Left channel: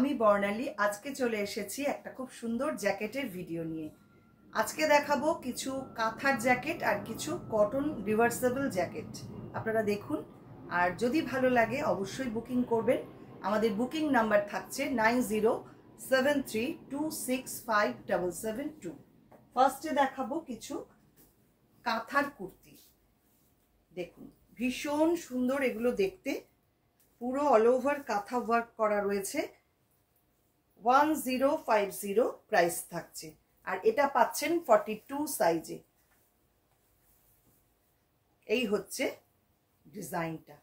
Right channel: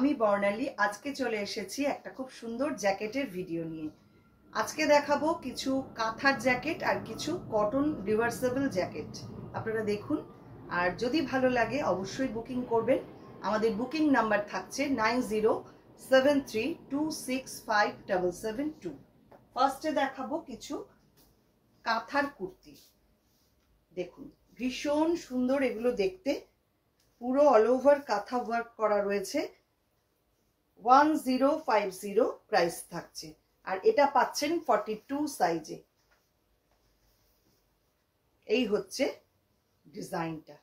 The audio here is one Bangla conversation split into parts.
আমি বর্ণালী আজকে চলে এসেছি একটা খুব সুন্দর জ্যাকেটের ভিডিও নিয়ে। আজকে দেখাবো কিছু কাঁথার জ্যাকেট আর কিছু কটন রিভার্সেবল জ্যাকেট। আপনারা দেখুন, আর যদি ভালো লাগে অবশ্যই বুকিং করবেন। আমাদের বুকিং নাম্বার থাকছে 9073265772। ফার্স্টে দেখাবো কিছু কাঁথার কুর্তি। দেখুন, ভীষণ সুন্দর এগুলো দেখতে, পুরো অল ওভার কাঁথা ওয়ার্ক করা রয়েছে। 1050 প্রাইস থাকছে, আর এটা পাচ্ছেন 42 সাইজে। এই হচ্ছে ডিজাইনটা,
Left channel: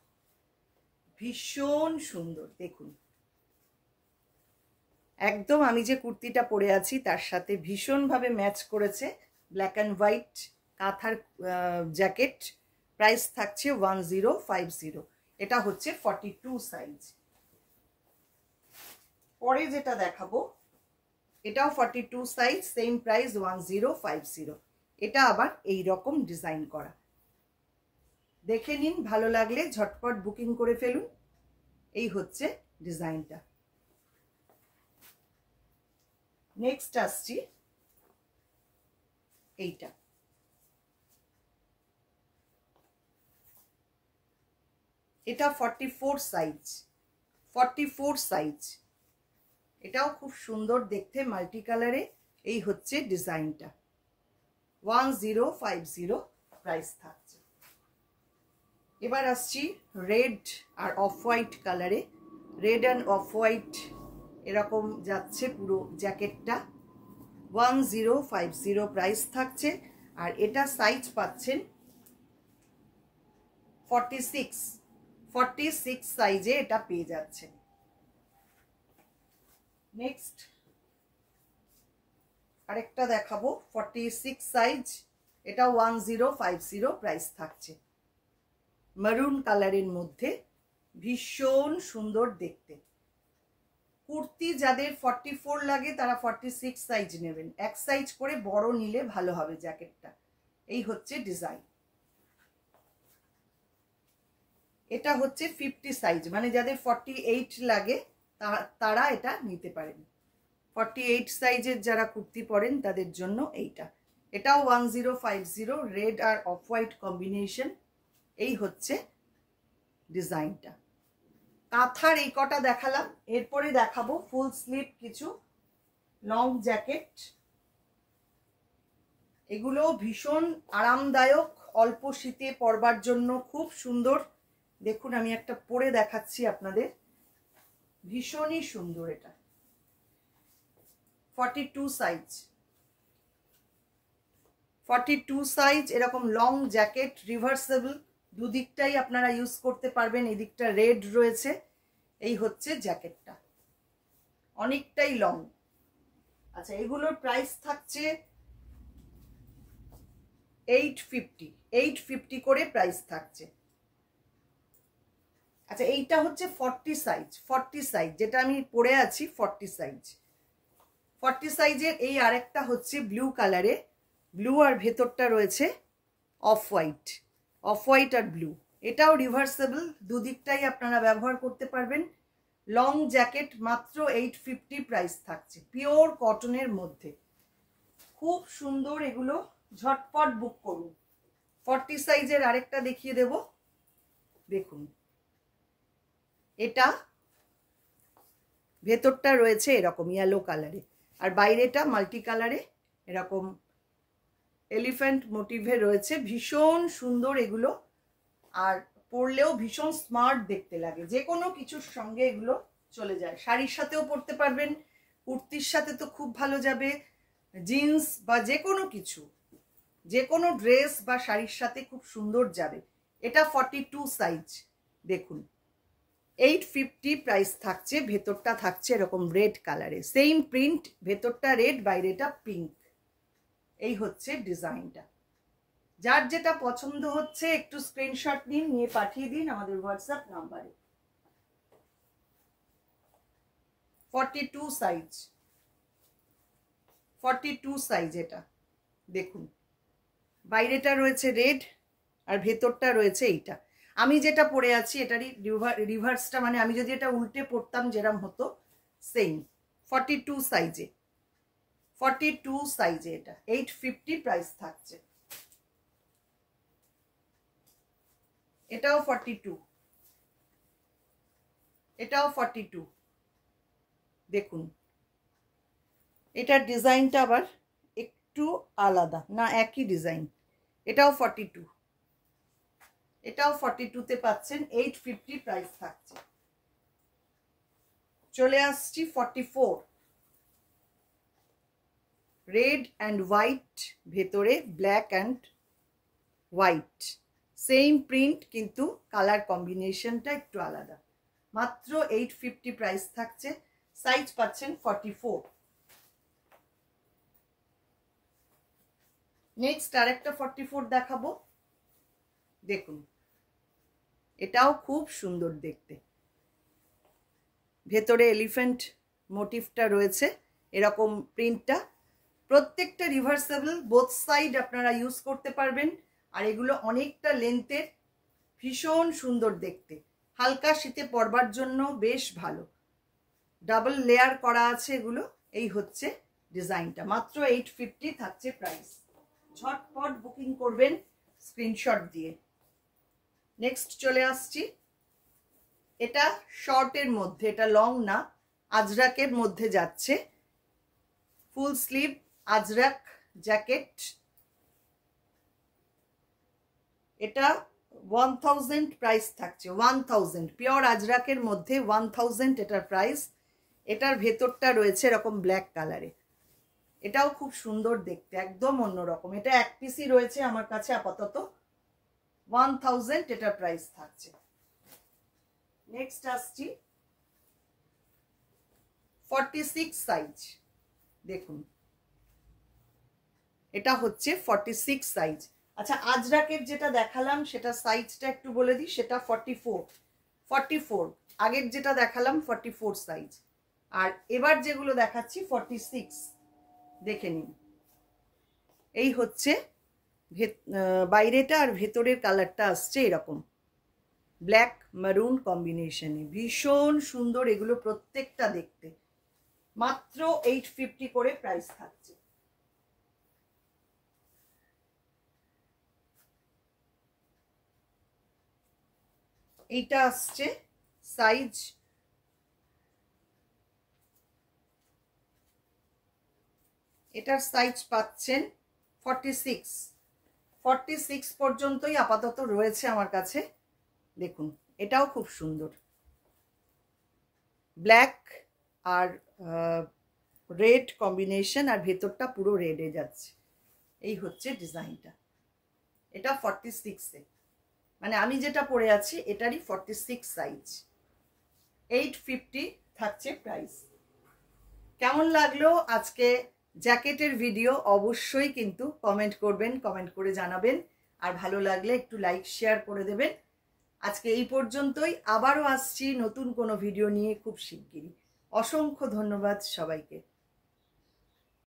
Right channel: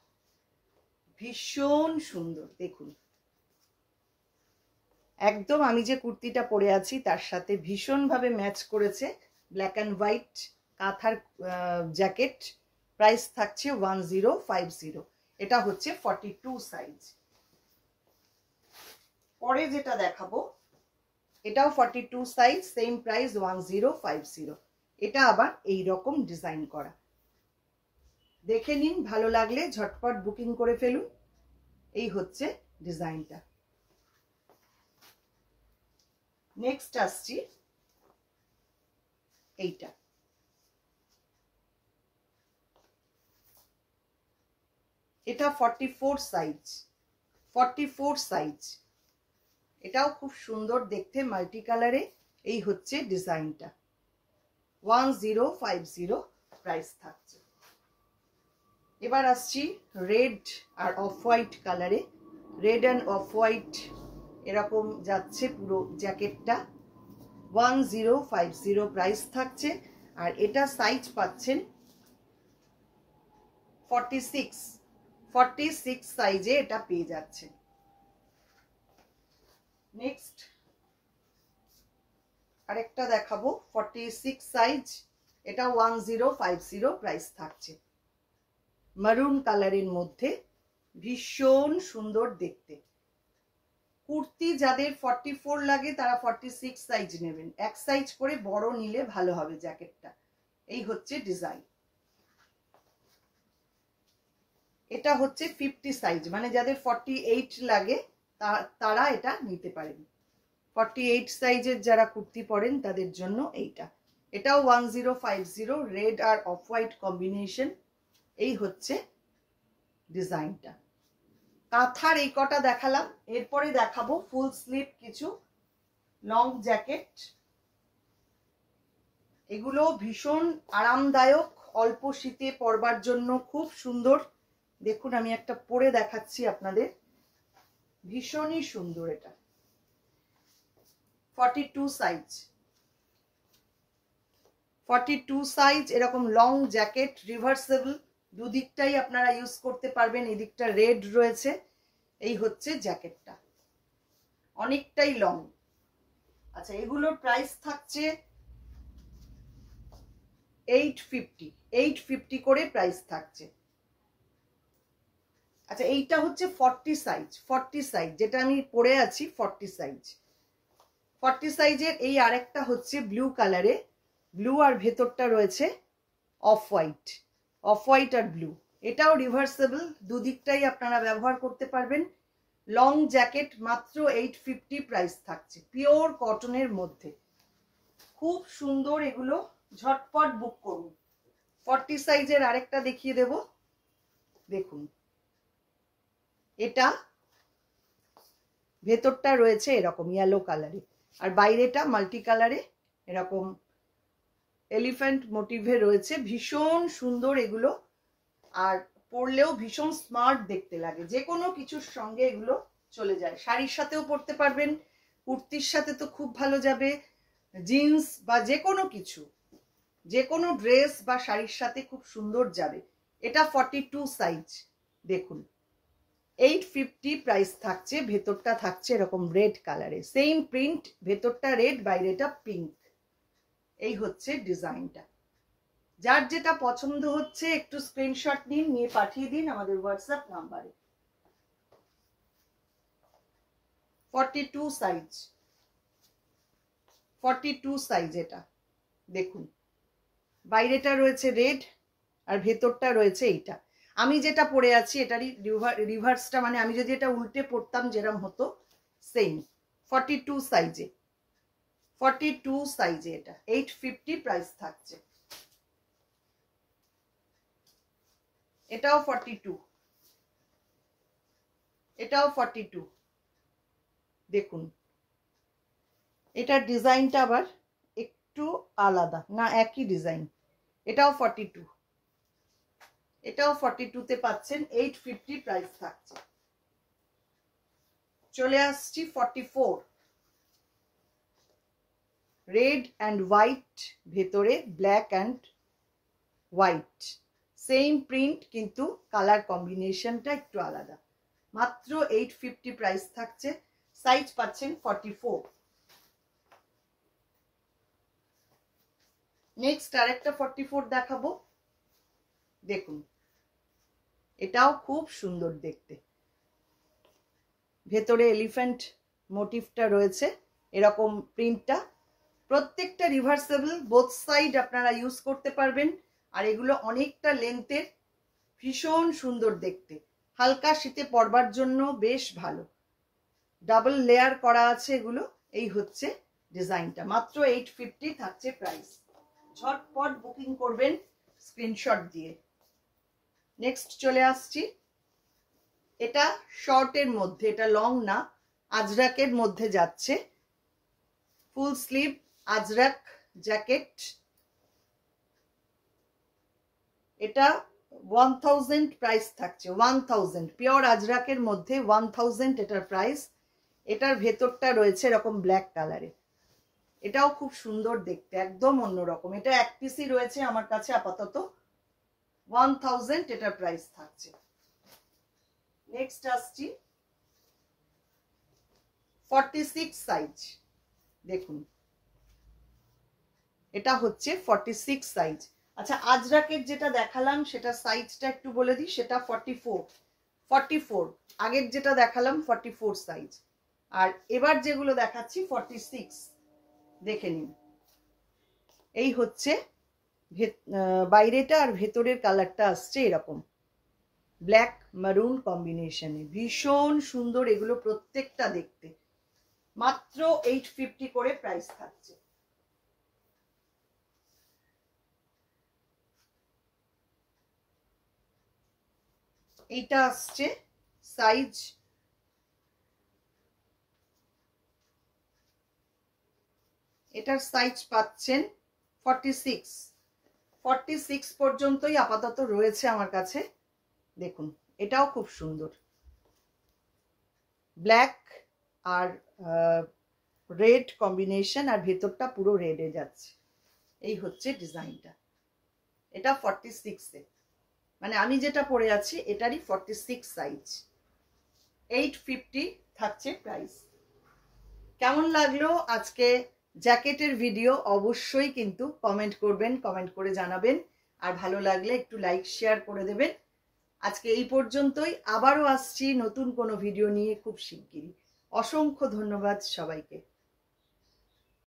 ভীষণ সুন্দর। দেখুন, একদম আমি যে কুর্তিটা পরে আছি তার সাথে ভীষণভাবে ম্যাচ করেছে। ব্ল্যাক অ্যান্ড হোয়াইট কাঁথার জ্যাকেট, প্রাইস থাকছে 1050। এটা হচ্ছে 42 সাইজ। পরে যেটা দেখাবো এটাও 42 সাইজ, সেম প্রাইস 1050। এটা আবার এই রকম ডিজাইন করা। দেখে নিন, ভালো লাগলে ঝটপট বুকিং করে ফেলুন। এই হচ্ছে ডিজাইনটা। নেক্সট আসছি এইটা। এটা 44 সাইজ, 44 সাইজ। এটাও খুব সুন্দর দেখতে, মাল্টি কালারে। এই হচ্ছে ডিজাইনটা, 1050 প্রাইস থাকছে। এবার আসছি রেড আর অফ হোয়াইট কালারে। রেড অ্যান্ড অফ হোয়াইট এরকম যাচ্ছে পুরো জ্যাকেটটা, 1050 প্রাইস থাকছে। আর এটা সাইজ পাচ্ছেন 46 সাইজে এটা পেয়ে যাচ্ছে। নেক্সট আরেকটা দেখাবো 46 সাইজ, এটা 1050 প্রাইস থাকছে। মারুন কালারের মধ্যে, ভীষণ সুন্দর দেখতে। কুর্তি যাদের 44 লাগে তারা 46 সাইজ নেবেন, এক সাইজ করে বড় নিলে ভালো হবে জ্যাকেটটা। এই হচ্ছে ডিজাইন। এটা হচ্ছে 50 সাইজ, মানে যাদের 48 লাগে তারা এটা নিতে পারেন। 48 সাইজের যারা কুর্তি পরেন তাদের জন্য এইটা। এটাও 1050, রেড আর অফ হোয়াইট কম্বিনেশন। এই হচ্ছে ডিজাইনটা। কাঁথার এই কটা দেখালাম, এরপরে দেখাবো ফুল স্লিভ কিছু লং জ্যাকেট। এগুলো ভীষণ আরামদায়ক, অল্প শীতে পরবার জন্য খুব সুন্দর। দেখুন, আমি একটা পরে দেখাচ্ছি আপনাদের, ভীষণই সুন্দর। এটা 42 সাইজ, 42 সাইজ এরকম লং জ্যাকেট, রিভার্সেবল, দুদিকটাই আপনারা ইউজ করতে পারবেন। এদিকটা রেড রয়েছে। এই হচ্ছে জ্যাকেটটা, অনেকটাই লং। আচ্ছা, এগুলোর প্রাইস থাকছে 850 করে প্রাইস থাকছে। আচ্ছা, এইটা হচ্ছে 40 সাইজ, 40 সাইজ যেটা আমি পরে আছি 40 সাইজ। 40 সাইজের এই আরেকটা হচ্ছে ব্লু কালারে, ব্লু আর ভেতরটা রয়েছে অফ হোয়াইট, অফ হোয়াইট আর ব্লু। এটাও রিভার্সেবল, দুদিকটাই আপনারা ব্যবহার করতে পারবেন। লং জ্যাকেট মাত্র 850 প্রাইস থাকছে, পিওর কটনের মধ্যে, খুব সুন্দর। এগুলো ঝটপট বুক করুন। 40 সাইজের আরেকটা দেখিয়ে দেব, দেখুন। এটা ভেতরটা রয়েছে এরকম ইয়েলো কালারে, আর বাইরেটা মাল্টি কালারে এরকম এলিফ্যান্ট মোটিভে রয়েছে। ভীষণ সুন্দর এগুলো, আর পরলেও ভীষণ স্মার্ট দেখতে লাগে। যে কোনো কিছুর সঙ্গে এগুলো চলে যায়, শাড়ির সাথেও পরতে পারবেন, কুর্তির সাথে তো খুব ভালো যাবে, জিন্স বা যে কোনো কিছু, যে কোনো ড্রেস বা শাড়ির সাথে খুব সুন্দর যাবে। এটা 42 সাইজ। দেখুন, 850 প্রাইস থাকছে। ভেতরটা থাকছে এরকম রেড কালারে, সেম প্রিন্ট, ভেতরটা রেড বাইরেটা পিঙ্ক। এই হচ্ছে ডিজাইনটা। যার যেটা পছন্দ হচ্ছে একটু স্ক্রিনশট নিন, নিয়ে পাঠিয়ে দিন আমাদের হোয়াটসঅ্যাপ নাম্বারে। 42 সাইজ, 42 সাইজ এটা। দেখুন, বাইরেটা রয়েছে রেড আর ভেতরটা রয়েছে এইটা। আমি যেটা পরে আছি এটারই রিভার্সটা, মানে আমি যদি এটা উল্টে পড়তাম যেরকম হতো, সেম 42 সাইজে, 42 সাইজে এটা 850 প্রাইস থাকছে। এটাও 42, এটাও 42। দেখুন এটার ডিজাইনটা আবার একটু আলাদা, না একই ডিজাইন। এটাও 42, এটাও 42 তে পাচ্ছেন, 850 প্রাইস থাকছে। চলে আসছি 44, রেড অ্যান্ড হোয়াইট, ভেতরে black and white, same print কিন্তু কালার কম্বিনেশনটা একটু আলাদা। মাত্র 850 প্রাইস থাকছে। সাইজ পাচ্ছেন 44। নেক্সট আরেকটা 44 দেখাবো। দেখুন এটাও খুব সুন্দর দেখতে, ভেতরে এলিফ্যান্ট মোটিভটা রয়েছে, এরকম প্রিন্টটা। প্রত্যেকটা রিভার্সেবল, বোথ সাইড আপনারা ইউজ করতে পারবেন। আর এগুলো অনেকটা লেন্থের, ভীষণ সুন্দর দেখতে, হালকা শীতে পরবার জন্য বেশ ভালো। ডাবল লেয়ার করা আছে এগুলো। এই হচ্ছে ডিজাইনটা, মাত্র 850 থাকছে প্রাইস। ঝটপট বুকিং করবেন স্ক্রিনশট দিয়ে। নেক্সট চলে আসছি, এটা শর্টের মধ্যে, এটা লং না, আজরাকের মধ্যে যাচ্ছে, ফুল স্লিভ আজরাক জ্যাকেট। এটা 1000 প্রাইস থাকছে, 1000 পিওর আজরাকের মধ্যে 1000 এটার প্রাইস। এটার ভেতরটা রয়েছে এরকম ব্ল্যাক কালারে, এটাও খুব সুন্দর দেখতে, একদম অন্যরকম। এটা এক পিসই রয়েছে আমার কাছে আপাতত, 1000 এটার প্রাইস থাকছে। নেক্সট আসছি 46 সাইজ। দেখুন এটা হচ্ছে 46 সাইজ। আচ্ছা আজরাকের যেটা দেখালাম সেটা সাইজটা একটু বলে দিই, সেটা 44। আগের যেটা দেখালাম 44 সাইজ, আর এবার যেগুলো দেখাচ্ছি 46। দেখে নিন, এই হচ্ছে বাইরেটা, আর ভেতরের কালারটা আসছে এরকম ব্ল্যাক মারুন কম্বিনেশনে, ভীষণ সুন্দর এগুলো প্রত্যেকটা দেখতে। মাত্র 850 করে প্রাইস থাকছে। এইটা আসছে সাইজ, এটার সাইজ পাচ্ছেন 46 পর্যন্তই আপাতত রয়েছে আমার কাছে। দেখুন এটাও খুব সুন্দর, ব্ল্যাক আর রেড কম্বিনেশন, আর ভেতরটা পুরো রেডে যাচ্ছে। এই হচ্ছে ডিজাইনটা। এটা 46-এ, মানে আমি যেটা পরে আছি এটারই 46 সাইজ, 850 থাকছে প্রাইস। কেমন লাগলো আজকে জ্যাকেটের ভিডিও অবশ্যই কিন্তু কমেন্ট করবেন, কমেন্ট করে জানাবেন। আর ভালো লাগলে একটু লাইক শেয়ার করে দেবেন। আজকে এই পর্যন্তই, আবারও আসছি নতুন কোনো ভিডিও নিয়ে খুব শিগগিরই। অসংখ্য ধন্যবাদ সবাইকে।